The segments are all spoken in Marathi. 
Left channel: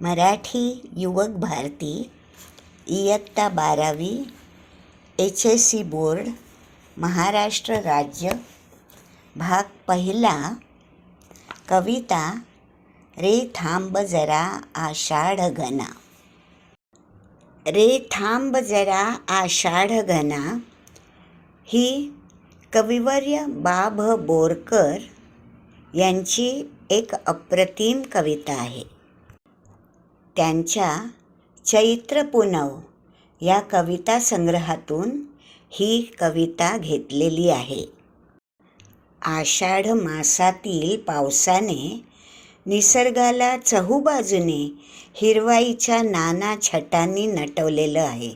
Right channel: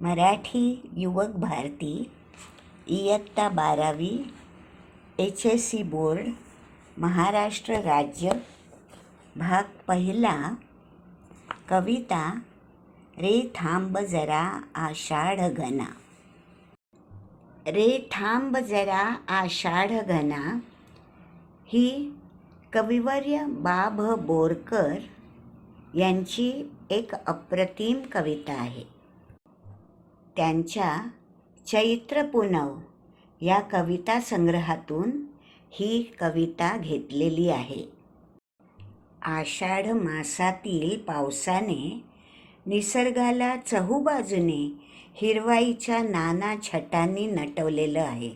मराठी युवक भारती इयत्ता 12वी HSC बोर्ड महाराष्ट्र राज्य भाग पहिला कविता रे थांब जरा आषाढ घना. रे थांब जरा आषाढ घना ही कविवर्य बाभ बोरकर यांची एक अप्रतिम कविता आहे. त्यांच्या चैत्र पुनव या कविता संग्रहातून ही कविता घेतलेली आहे. आषाढ मासातील पावसाने निसर्गाला चहूबाजूने हिरवाईच्या नाना छटांनी नटवलेलं आहे.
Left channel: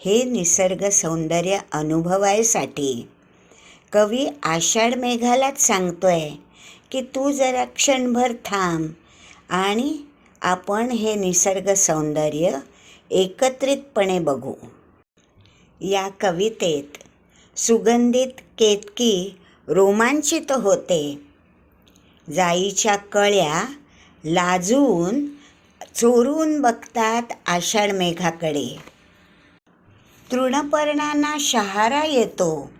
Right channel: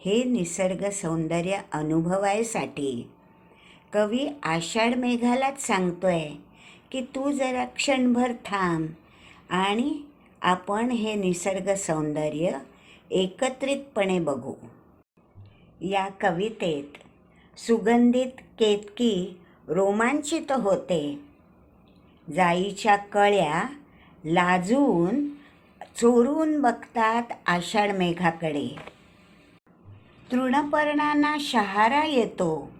हे निसर्ग सौंदर्य अनुभवायसाठी कवी आषाढ मेघालाच सांगतोय की तू जरा क्षणभर थांब आणि आपण हे निसर्ग सौंदर्य एकत्रितपणे बघू. या कवितेत सुगंधित केतकी रोमांचित होते. जाईच्या कळ्या लाजून चोरून बघतात आषाढ मेघाकडे. तृणपर्णांना शहारा येतो.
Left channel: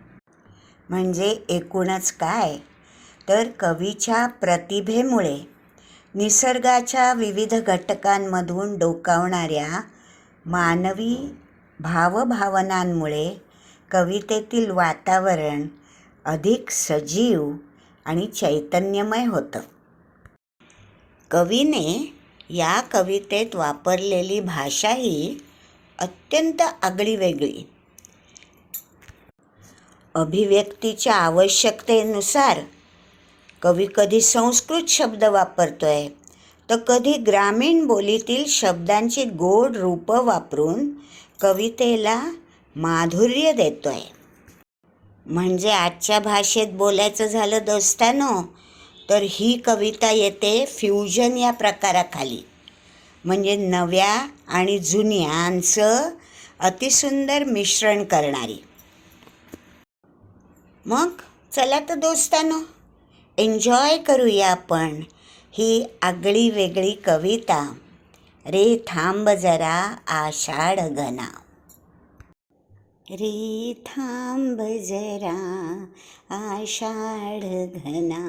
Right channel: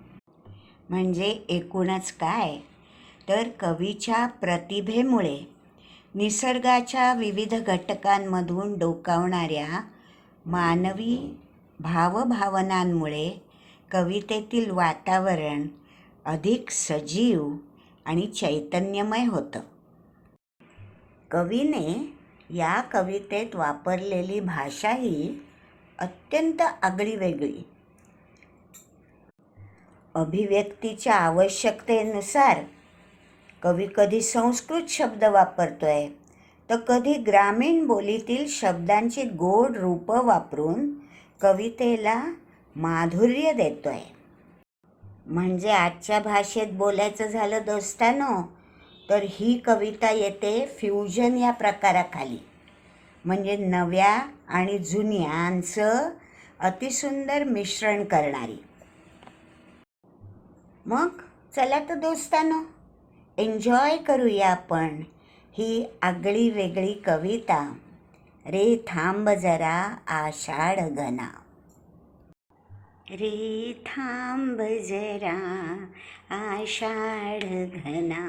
म्हणजे एकूणच काय तर कवीच्या प्रतिभेमुळे निसर्गाच्या विविध घटकांमधून डोकावणाऱ्या मानवी भावभावनांमुळे कवितेतील वातावरण अधिक सजीव आणि चैतन्यमय होतं. कवीने या कवितेत वापरलेली भाषा ही अत्यंत आगळीवेगळी. अभिव्यक्तीच्या आवश्यकतेनुसार कवी कधी संस्कृत शब्द वापरतोय तर कधी ग्रामीण बोलीतील शब्दांची गोड रूपं वापरून कवितेला माधुर्य देतोय. म्हणजे आजच्या भाषेत बोलायचं झालं दोस्तानो तर ही कविता येते फ्युजन या प्रकाराखाली. म्हणजे नव्या आणि जुन्यांचं अतिसुंदर मिश्रण करणारी. मग चला तर दोस्तानो एन्जॉय करूया आपण ही आगळी वेगळी कविता रे थांब जरा आषाढ घना. रे थांब जरा आषाढ घना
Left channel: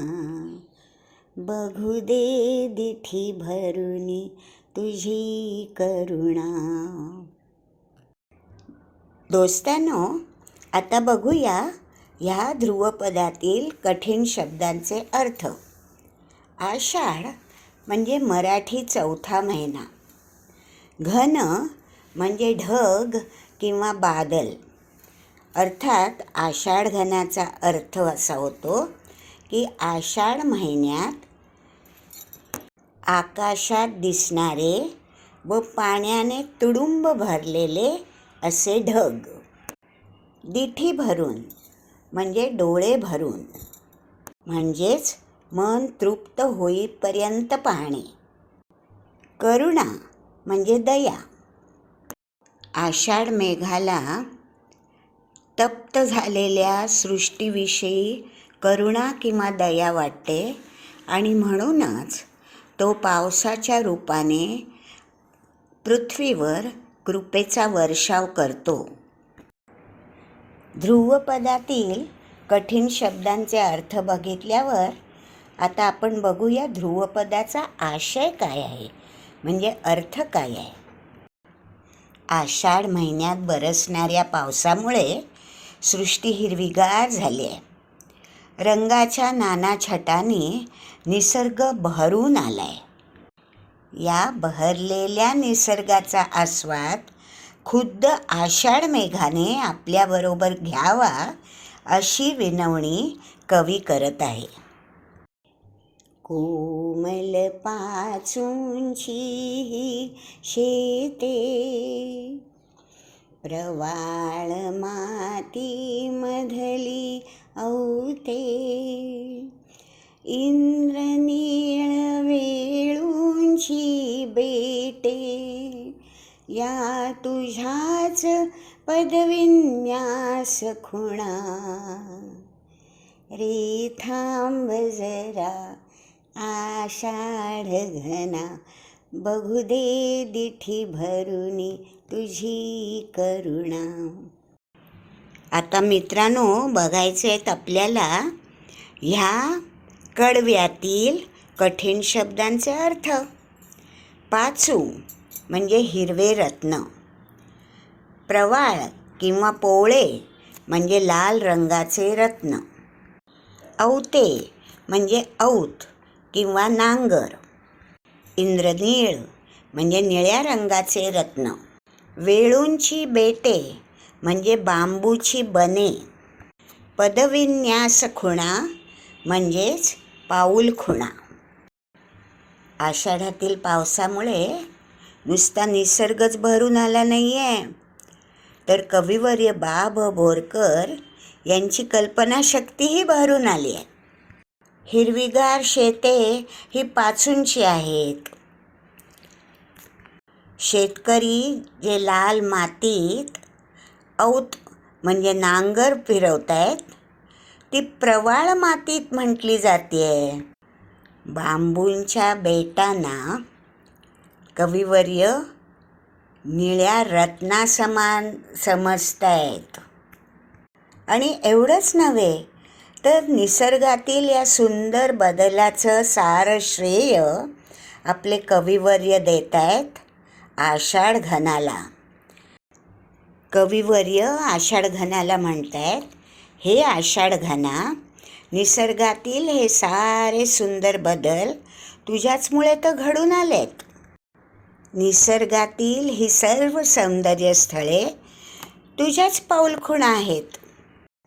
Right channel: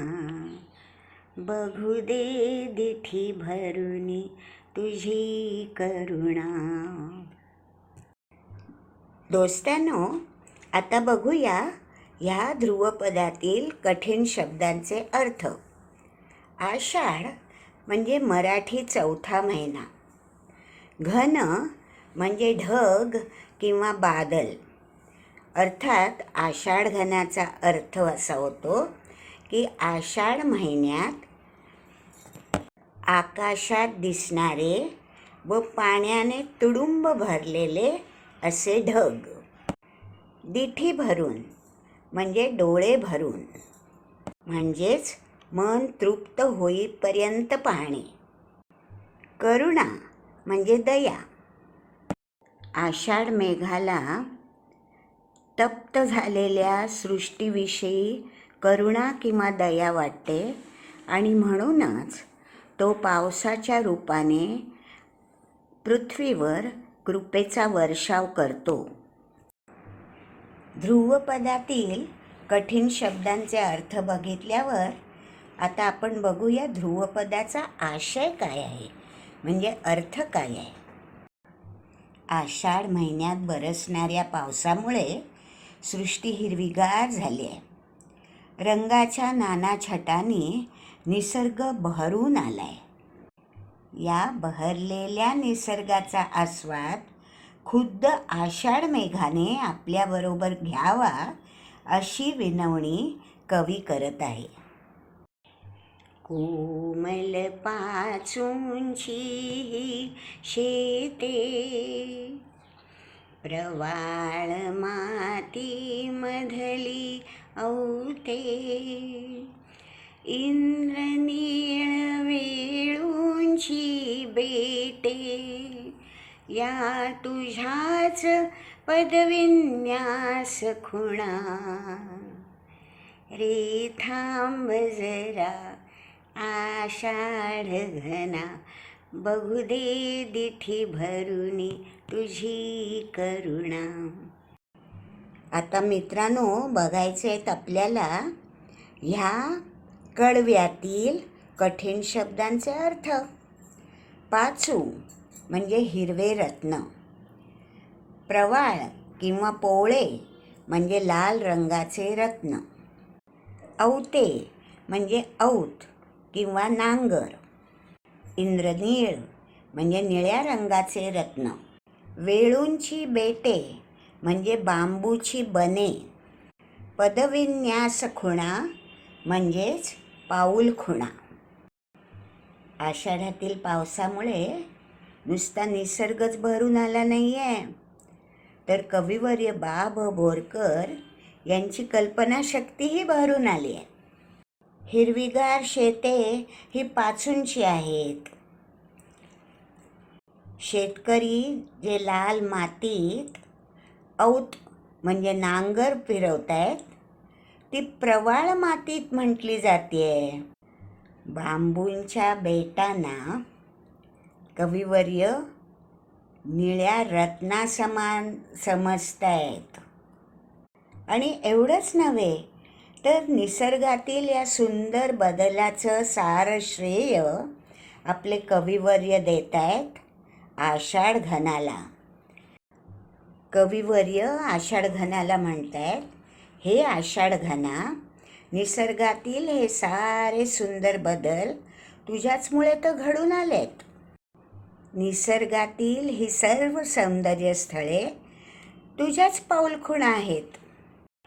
बघू दे दिठी भरुनी तुझी करुणा. दोस्तांनो आता बघूया ह्या ध्रुवपदातील कठीण शब्दांचे अर्थ. आषाढ म्हणजे मराठी चौथा महिना. घन म्हणजे ढग किंवा बादल. अर्थात आषाढ घनाचा अर्थ असा होतो की आषाढ महिन्यात आकाशात दिसणारे व पाण्याने तुडुंब भरलेले असे ढग. दिठी भरून म्हणजे डोळे भरून, म्हणजेच मन तृप्त होईपर्यंत पाहणे. करुणा म्हणजे दया. आषाढ मेघाला तप्त झालेल्या सृष्टीविषयी करुणा किंवा दया वाटते आणि म्हणूनच तो पावसाच्या रूपाने पृथ्वीवर कृपेचा वर्षाव करतो. ध्रुवपदातील कठीण शब्दांचे अर्थ बघितल्यावर आता आपण बघूया ध्रुवपदाचा आशय काय आहे, म्हणजे अर्थ काय आहे. आषाढ महिन्यात बरसणाऱ्या पावसामुळे सृष्टी हिरवीगार झाली आहे. रंगाच्या नाना छटांनी निसर्ग बहरून आलाय. या बहरलेल्या निसर्गाचा आस्वाद खुद्द आषाढ मेघाने आपल्याबरोबर घ्यावा अशी विनवणी कवी करत आहे. कोमल पाचूंची शेते प्रवाळ माती मधली औते इंद्रनीळ वेळूंची बेटे या तुझ्याच पदविन्यास खुणा. रे थांब जरा आषाढ घना बघू दे दिठी भरुनी तुझी करुणा. आता मित्रांनो, बघायचे आहेत आपल्याला ह्या कडव्यातील कठीण शब्दांचे अर्थ. पाचू म्हणजे हिरवे रत्न, प्रवाळ किंवा पोवळे म्हणजे लाल रंगाचे रत्न, औते म्हणजे औत किंवा नांगर, इंद्रनीळ म्हणजे निळ्या रंगाचे रत्न, वेळूंची बेटे म्हणजे बांबूची बने, पदविन्यास खुणा म्हणजेच पाऊल खुणा. आषाढातील पावसामुळे नुसता निसर्गच भरून आला नाही आहे, तर कविवर्य बा भ बोरकर यांची कल्पनाशक्तीही भरून आली आहे. हिरवीगार शेते ही पाचूंची आहेत. शेतकरी जे लाल मातीत औत म्हणजे नांगर फिरवतायत, ती प्रवाळ मातीत म्हटली जाते. बांबूंच्या बेटांना कविवर्य निळ्या रत्नासमान समजतायत. आणि एवढंच नव्हे, तर निसर्गातील या सुंदर बदलाचं सार श्रेय आपले कविवर्य देत आहेत आषाढ घनाला. कविवर्य आषाढ घनाला म्हणतायत, हे आषाढ घना, निसर्गातील हे सारे सुंदर बदल तुझ्याचमुळे तर घडून आलेत. निसर्गातील ही सर्व सौंदर्य स्थळे तुझ्याच पाऊलखुणा आहेत.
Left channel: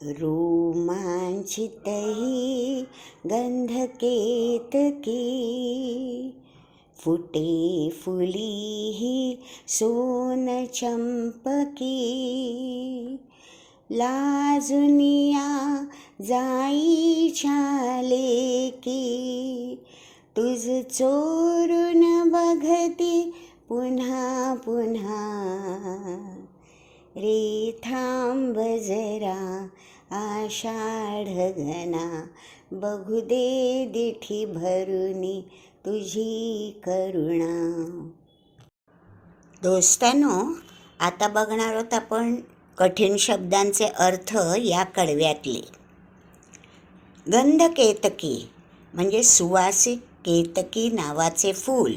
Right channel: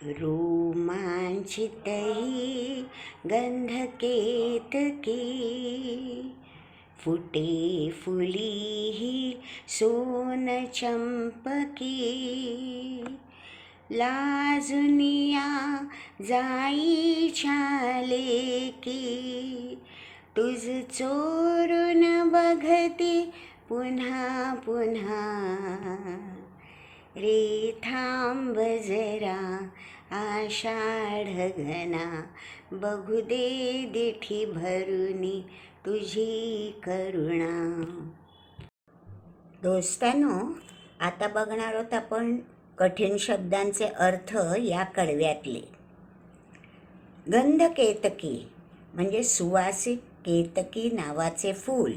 रोमांचित ही गंध केतकी, फुटे फुली ही सोन चंपकी, लाजुनिया जाईच्या लेकी, तुझ चोरून बघती पुन्हा पुन्हा. रे थांब जरा आषाढ घना, बघू दे दिठी भरुनी तुझी करुणा. दोस्तांनो, आता बघणार आहोत आपण कठीण शब्दांचे अर्थ या कडव्यातले. गंध केतकी म्हणजे सुवासिक केतकी नावाचे फूल.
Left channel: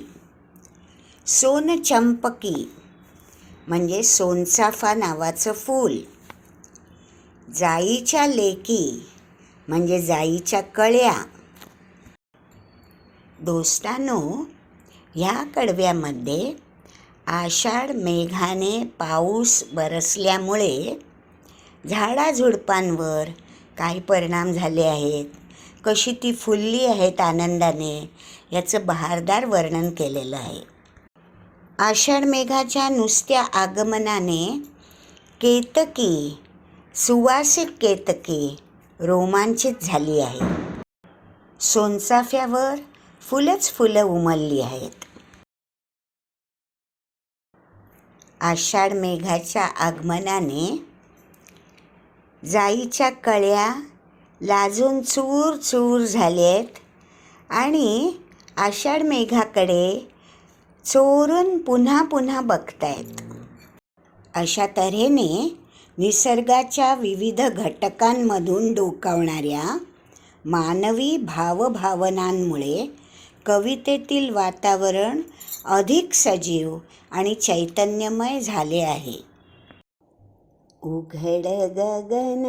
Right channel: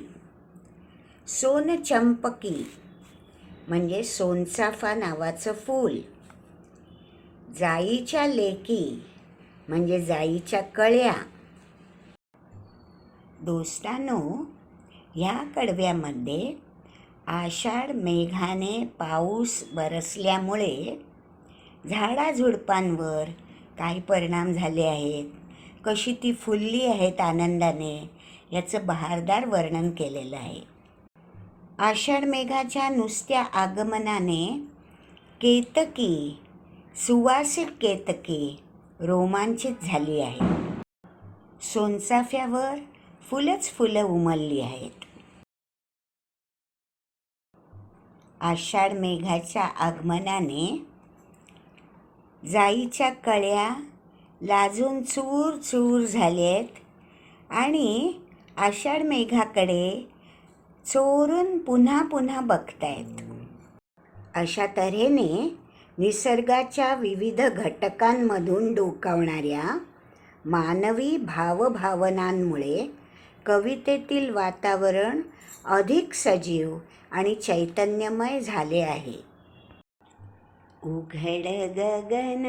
सोन चंपकी म्हणजे सोनचाफा नावाचं फूल. जाईच्या लेकी म्हणजे जाईच्या कळ्या. दोस्तांनो, ह्या कडव्यामध्ये आषाढ मेघाने पाऊस बरसल्यामुळे झाडाझुडपांवर काय परिणाम झाले आहेत, कशी ती फुलली आहेत आनंदाने, याचं बहारदार वर्णन केलेलं आहे. आषाढ मेघाच्या नुसत्या आगमनाने केतकी, सुवासिक केतकी रोमांचित झाली आहे. सोनचाफ्यावर फुलंच फुलं उमलली आहेत. आषाढ मेघाच्या आगमनाने जाईच्या कळ्या लाजून चूर चूर झालेत आणि आषाढ मेघाकडे चोरून पुन्हा पुन्हा बघतायत. अशा तऱ्हेने निसर्गाच्या विविध घटकांमधून डोकावणाऱ्या मानवी भावभावनांमुळे कवितेतील वातावरण अधिक सजीव आणि चैतन्यमय झाले आहे. उघड गगन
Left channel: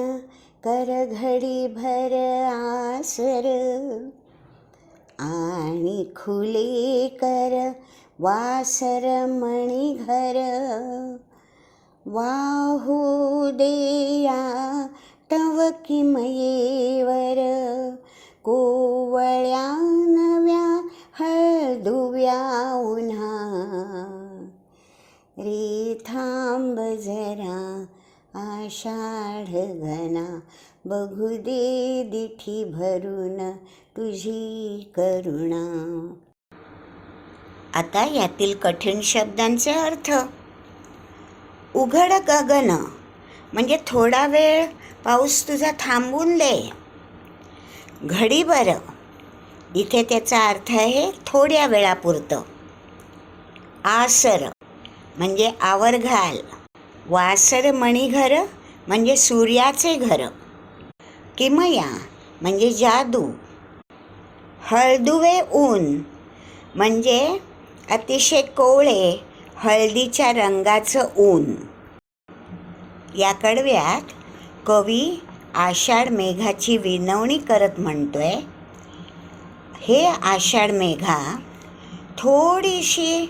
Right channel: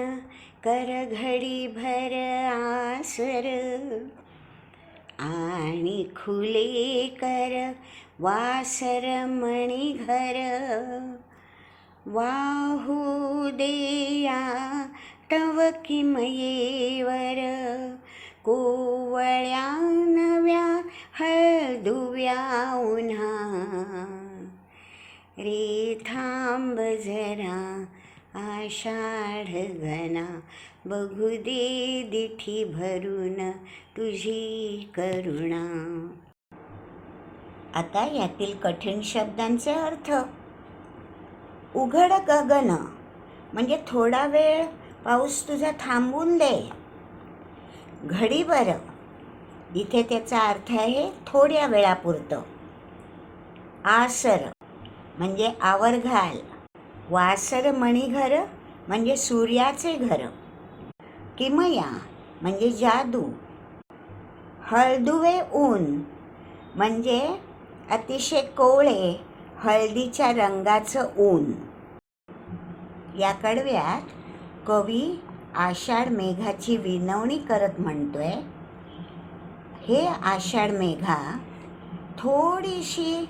कर घडी भर आसर, आणि खुले कर वासर मणिघर, वाहू देया तव किमयेवर, कोवळ्या नव्या हळदुव्या उन्हा. रे थांब जरा आषाढ घना, बघू दे दिठी भरून तुझी करुणा. आता यातील कठीण शब्दांचे अर्थ. उघड गगन म्हणजे थोडा वेळ पाऊस तुझा थांबून दे. घडीभर, इथे त्याचा अर्थ आहे थोड्या वेळापुरतं. आसर म्हणजे आवर घाल, वासर मणिघर म्हणजे सूर्याचे घर, किमया म्हणजे जादू, हळदुवे ऊन म्हणजे अतिशय कोवळे हळदीच्या रंगाचं ऊन. या कडव्यात कवी आषाढ मेघाची विनवणी करत म्हणतोय, हे आषाढ मेघा, थोडीशी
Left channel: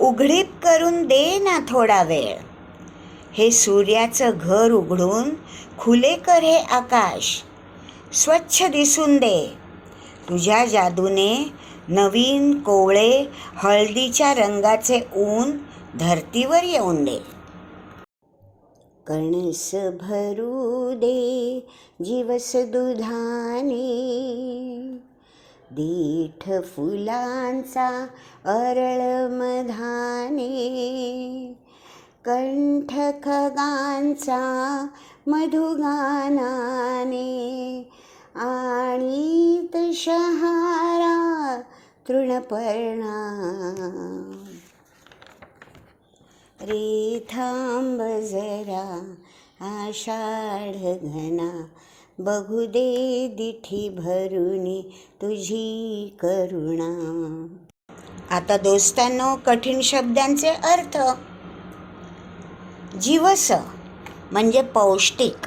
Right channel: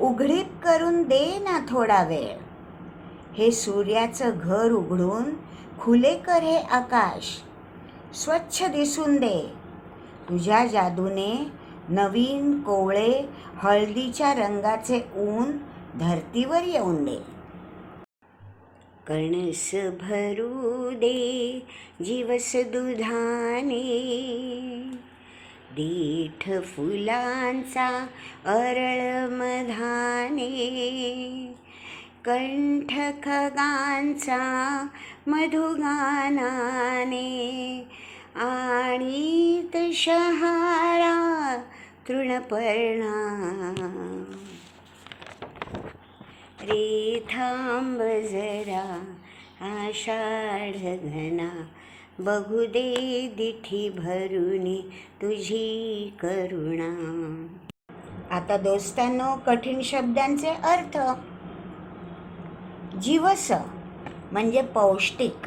उघडीप करून दे ना थोडा वेळ. हे सूर्याचं घर उघडून खुले कर हे आकाश, स्वच्छ दिसून दे. तुझ्या जादूने नवीन कोवळे हळदीच्या रंगाचे ऊन धरतीवर येऊन दे. कणस भरू दे जीवस दुधाने, दीठ फुलांचा अरळ मधाने, कंठ खगांचा मधुगानाने, आणि शहारा तृणपर्णा. रे थांब जरा आषाढ घना, बघू दे दिठी भरुनी तुझी करुणा. आता दोस्तांनो, कठीण शब्दांचे अर्थ. जीवस म्हणजे पौष्टिक,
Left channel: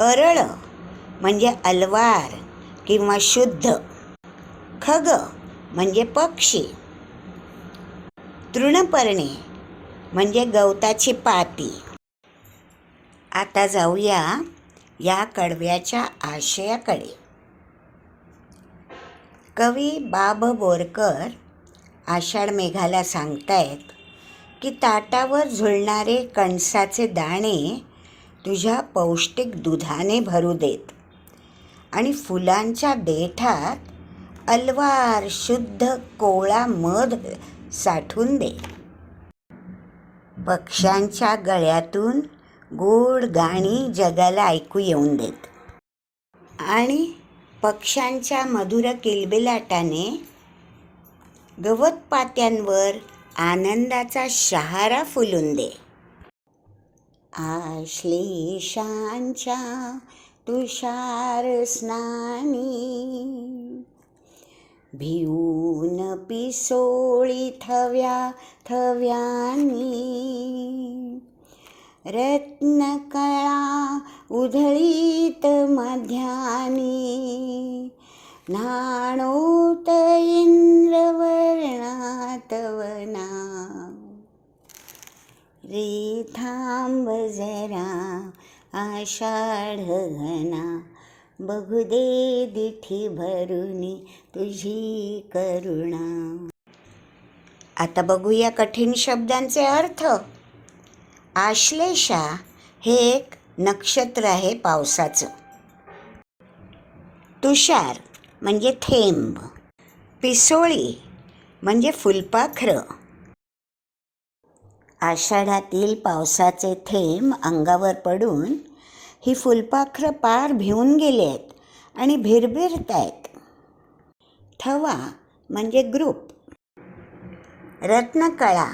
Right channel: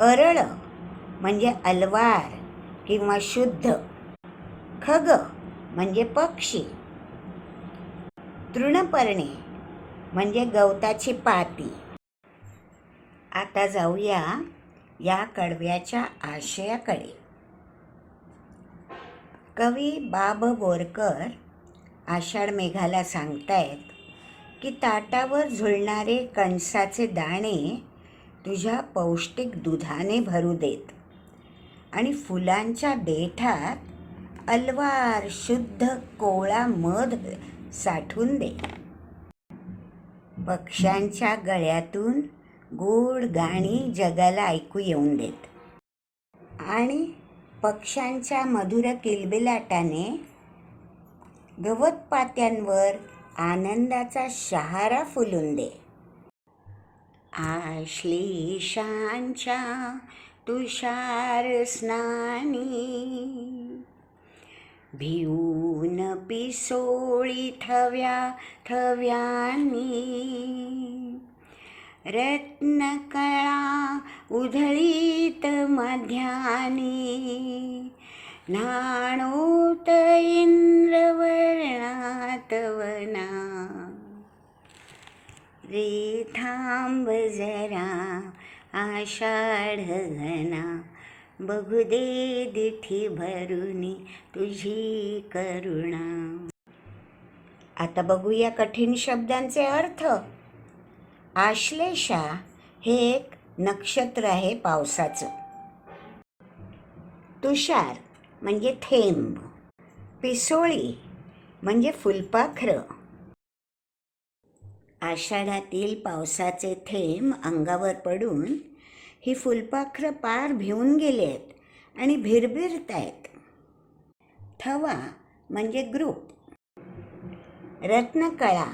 अरळ म्हणजे अलवार किंवा शुद्ध, खग म्हणजे पक्षी, तृणपर्णे म्हणजे गवताची पाती. आता जाऊया या कडव्याच्या आशयाकडे. कवी बाब बोरकर आषाढ मेघाला सांगतायत की ताटावर झुलणारे कणसाचे दाणे तुझ्या पौष्टिक दुधाने भरू देत आणि फुलांच्या देठात अलवार शुद्ध कोवळा मध साठवून दे. पक्ष्यांच्या गळ्यातून गोड गाणी जगाला ऐकू येऊन देत आणि पक्ष्यांच्या मधुर किलबिलाटाने गवतपात्यांवर आनंदाचा शहारा फुलून दे. आश्लेषांच्या तुषार स्नानी, भिवून पिसोळी थव्या थव्यांनी, रत्नकळा उधळीत मध्यानी, न्हाणोत इंद्रवर्णात वना. रे थांब जरा आषाढ घना, बघू दे दिठी भरुनी तुझी करुणा. आता बघूया कठीण शब्दांचे अर्थ. आश्लेषा हे एक नक्षत्र आहे पावसाचं. तुषार म्हणजे थेंब. पिसोळी म्हणजे फुलपाखरं. आषाढातील पावसाचे थेंब अंगावर पडून ही फुलपाखरं पार भिवून गेली आहेत आणि भिरभिरत आहेत. थवा म्हणजे ग्रुप. रत्नकळा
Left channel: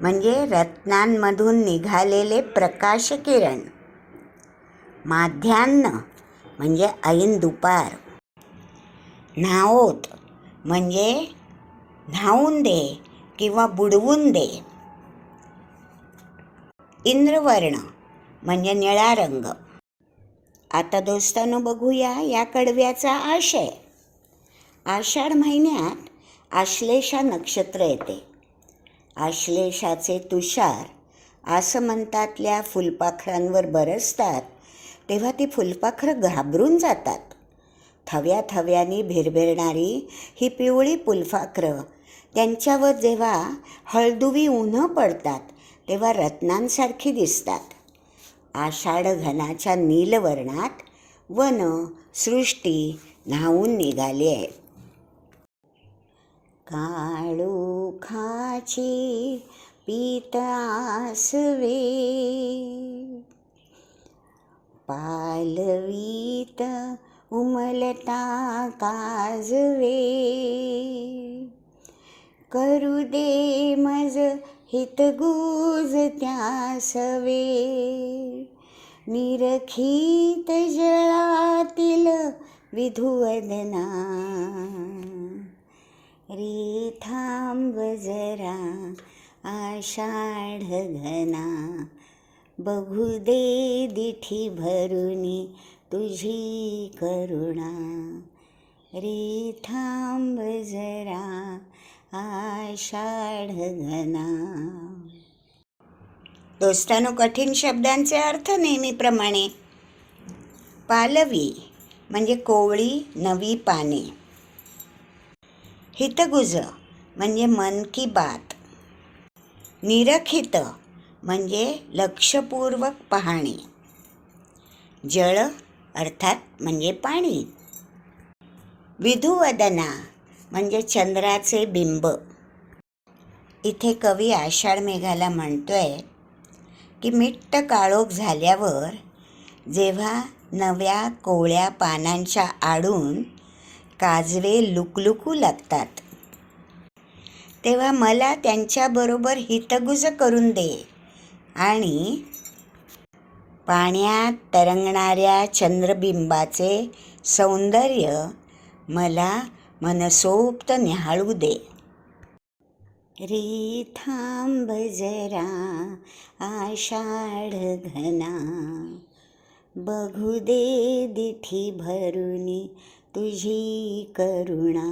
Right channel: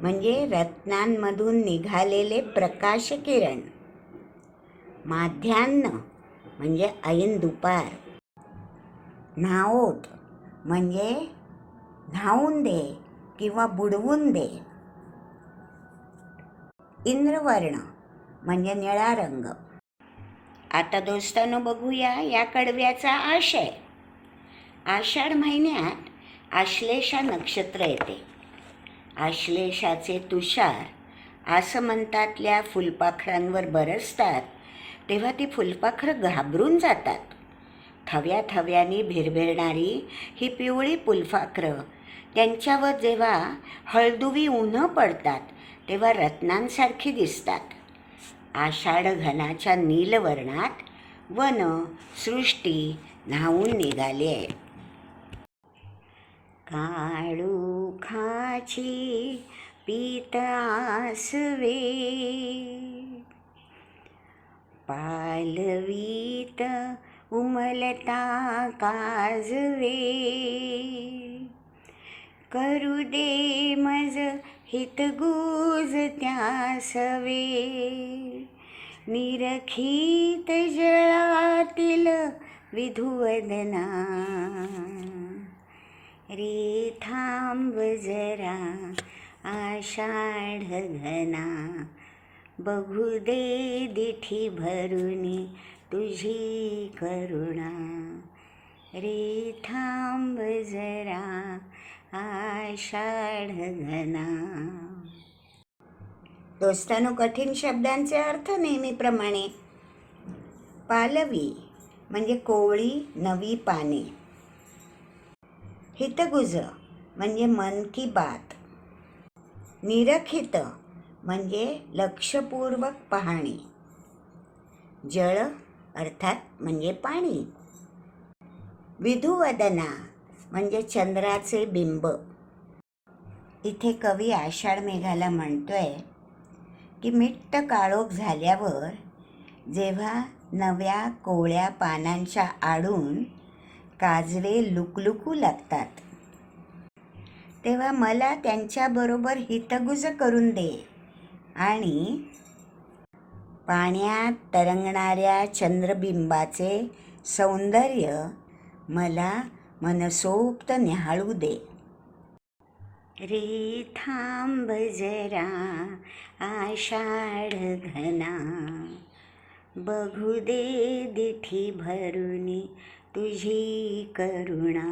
म्हणजे रत्नांमधून निघालेले प्रकाश किरण. माध्यान्ह म्हणजे ऐन दुपार. न्हाओत म्हणजे न्हावून दे किंवा बुडवून दे. इंद्रवर्ण म्हणजे निळा रंग. आता दोस्तांनो, बघूया या कडव्याचा आशय. आषाढ महिन्यात आश्लेषा नक्षत्र येते. आश्लेषाचे तुषार आसमंतातल्या फुलपाखरांवर बरसतात तेव्हा ती फुलपाखरं घाबरून जातात. थव्या थव्यानी भिरभिरणारी ही पिवळी फुलपाखरं त्यांच्यावर जेव्हा हळदुवी उन्हं पडतात तेव्हा रत्नांसारखी दिसतात. आषाढ घनाच्या नीलवर्णात वन सृष्टी न्हावून निघाली आहे. काळोखाची पीत आसवे, पालवीत उमलता काजवे, करू दे मज हितगुज त्या सवे, निरखित जळातील विधुवदना, रे थांब जरा आषाढ घना, बघू दे दिठी भरुनी तुझी करुणा, रे थांब जरा आषाढ घना. दोस्तानो, कठीण शब्दांचे अर्थ नेहमीप्रमाणे. पालवी म्हणजे कोवळी नवी पाने. हितगुज म्हणजे मन की बात. निरखित म्हणजे लक्षपूर्वक पाहणे. जळ अर्थात म्हणजे पाणी. विधुवदना म्हणजे चंद्राचे बिंब. इथे कवी आषाढ मेघाला म्हणतोय की मिट्ट काळोख झाल्यावर जेव्हा नव्या कोवळ्या पानांच्या आडून काजवे लुकलुकू लागतात, तेव्हा मला त्यांच्याबरोबर हितगुज करून दे आणि पाण्यात तरंगणाऱ्या चंद्रबिंबाचे सौंदर्य मला मनसोक्त न्याहाळू दे. रे थांब जरा आषाढ घना, बघू दे दिठी भरुनी तुझी करुणा,